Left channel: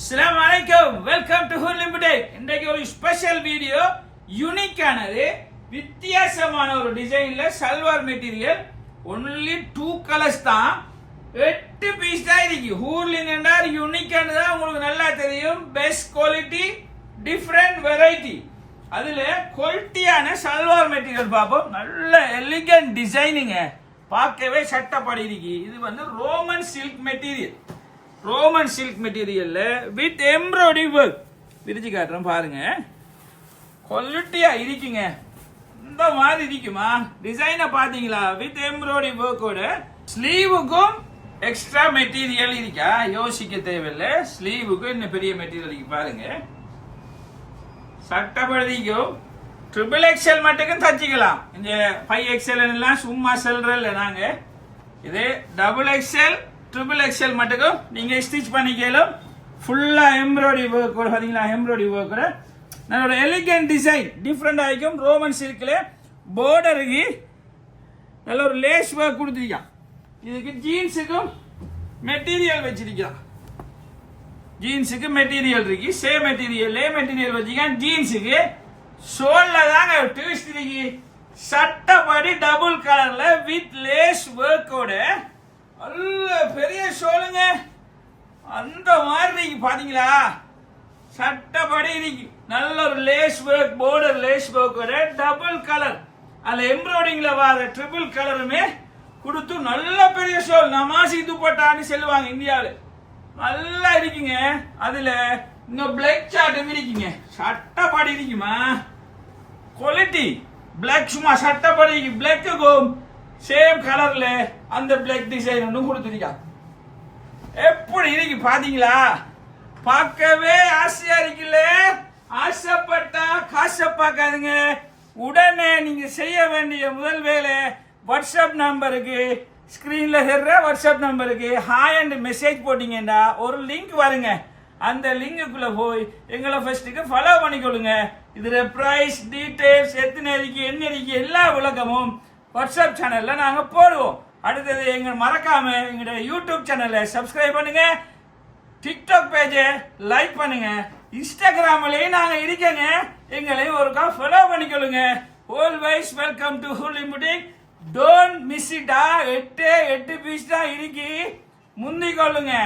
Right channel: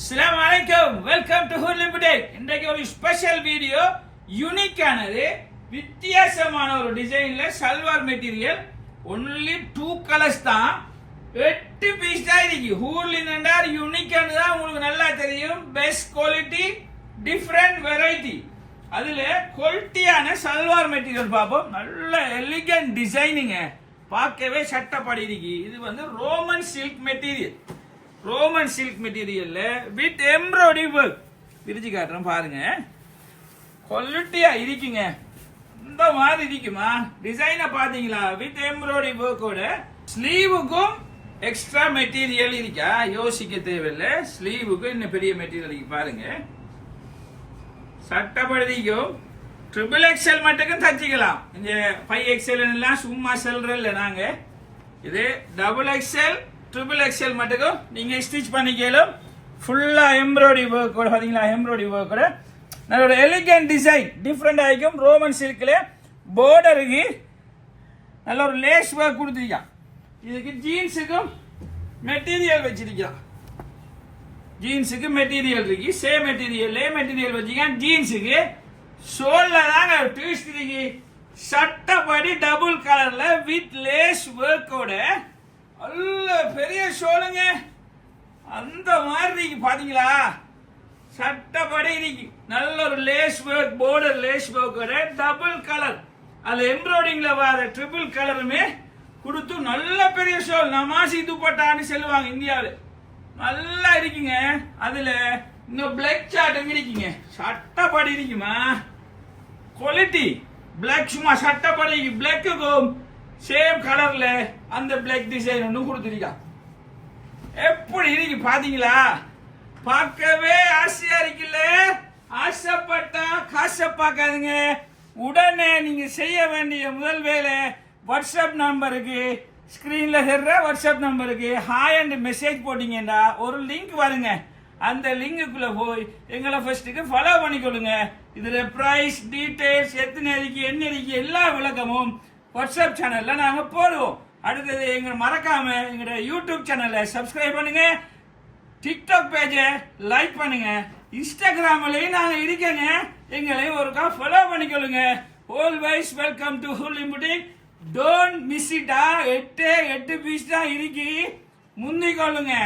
அஸ்ஸலாமு அலைக்கும், welcome to ஹூர்லிம் புடேக். இன்றைக்கு ஒரு ஸ்பெஷல் வீடியோ, யூனிக்கானது, வித்தியாசமான ஒரு டிசைன்ல சல்வார் மெட்டீரியல். ஒன்லி 2 கலர்ஸ் தான், 8 பீஸ் தான் இருக்கு. ஹூர்லின் என்றால் யூனிக்கானது தான் உங்களுக்கு நல்லா தெரியும். Best quality, different variety. அதுல குவாலிட்டியான சல்வார் மெட்டீரியல் பார்ப்போம். நல்ல எலிகன்ட் டிசைனிங்க, பார்க்கவே சட்டப்படி இருக்கு. இது வந்து Roman silk material. Roman silk மெட்டீரியல்ல வித் எம்ப்ராய்டரி ஒர்க் விரிச்சு காட்டுறேன் பாருங்க. குவாலிட்டியா இருக்குங்க. இந்த மாதிரி இருக்குமா? டிசைனை பாத்தீங்களா? வித் எம்ப்ராய்டரி ஒர்க்கோட ஸ்லீவுக்கும் எக்ஸ்ட்ரா மெட்டீரியல் இருக்கா? யோசிக்க தேவையில்லை. ஸ்லீவுக்கும் இன்னும் பெரிய மெட்டீரியல் இருக்கு பாருங்க. சட்டப்படிக்கும் XXL மட்டுக்கும் தச்சிக்கலாம். இங்க 5XL எல்லாம் சும்மா செல்றல நாங்க. இது XXL XXL மட்டுக்கும் நீங்க ஸ்டிச் பண்ணிக்கலாம். ஃபுல்லா எம்ப்ராய்டரி ஒர்க் பாத்தீங்களா? எம்ப்ராய்டரி ஒர்க் நல்ல எலிகன்ட் டிசைன், டிஃப்ரெண்ட் ஆகிக்கும். ரோமன் சில்க்ல பார்டருக்கு நல்ல ஒரு லேஸ் ஒர்க் கொடுத்துருக்கான். இதுக்கு ஜீன்ஸுக்கும் மெட்டீரியல் வச்சிருக்கான். ஜீன்ஸுக்கு மெட்டீரியல் இருக்கு. சேம் மெட்டீரியல் வச்சிருக்கான். ஜீன்ஸுக்கு ஷோல்ல தாங்க ட்விஸ்ட் இருக்கு. சட்டப்படி டபுள் கலர்ல வித் லேஸ் ஒர்க்கோட நல்ல பெரிய ஷோலுங்க. அந்த மாதிரி பாத்தீங்களா? சட்டப்படி இருக்கு. நல்ல ஒரு லேஸ் ஒர்க், பார்டர் லேஸ் ஒர்க்கோட டபுள் கலர். அதுல எம்ப்ராய்டிங்ல வர ட்ரிபிள் கலருமே கொடுத்து நல்ல பெரிய ஷோல். நமாசி துப்பட்டான்னு சொல்லுவாங்க இந்தியாவில். நல்லா இருக்குங்க. அதுல இந்த பிளாக் சார்ட் இருக்குங்க. சட்டப்படி இருக்குமா? குவாலிட்டி பிளாக் சும்மா சட்டப்படி பிளாக்குக்கும் சேம் கலர்ல அந்த பிளாக் டிசைன் ஒன்று கொடுத்துருக்கா. எப்படி இருக்கு பாத்தீங்களா? பார்க்கவே ஆசையா இருக்குல்ல? ஆசைப்பட்டா காசை பார்க்காதுங்க. உடனே நீங்க செய்ய வேண்டிய முதல் வேலை, வாட்ஸ்அப் நம்பருக்கு, ஸ்கிரீன்ல தெரிற வாட்ஸ்அப் நம்பருக்கு ஹாய் அண்ட் மெசேஜ் போட்டீங்கன்னா ஒரு லிங்க் வருங்க. அந்த லிங்குக்குள்ள போய் எங்களை ஃபர்ஸ்ட்டுக்கு ஃபாலோ பண்ணிக்கொள்ளுங்க. இதுல பிரைஸ் டீடைல்ஸ், எத்தனை இருக்கு, என்ன இருக்கு, எல்லா விளக்கமும் வாட்ஸ்அப் சேனல்ல நாங்க போடுவோம். அடுத்தது எங்க மறக்காம எங்க யூடியூப் சேனலை சப்ஸ்கிரைப் பண்ணுங்க. டிக்டாக் பேஜை லைக் பண்ணுங்க. இன்ஸ்டாகிராம்லயும் நாங்க இருக்கங்க. எங்களையும் ஒருக்கா ஃபாலோ பண்ணிக்கொள்ளுங்க. ஆல்வேஸ் வெல்கம் டு ஹூர்லிம் புடேக். Don't miss it. 8 பீஸ் தான் இருக்கு. முந்திக் கொள்ளுங்க.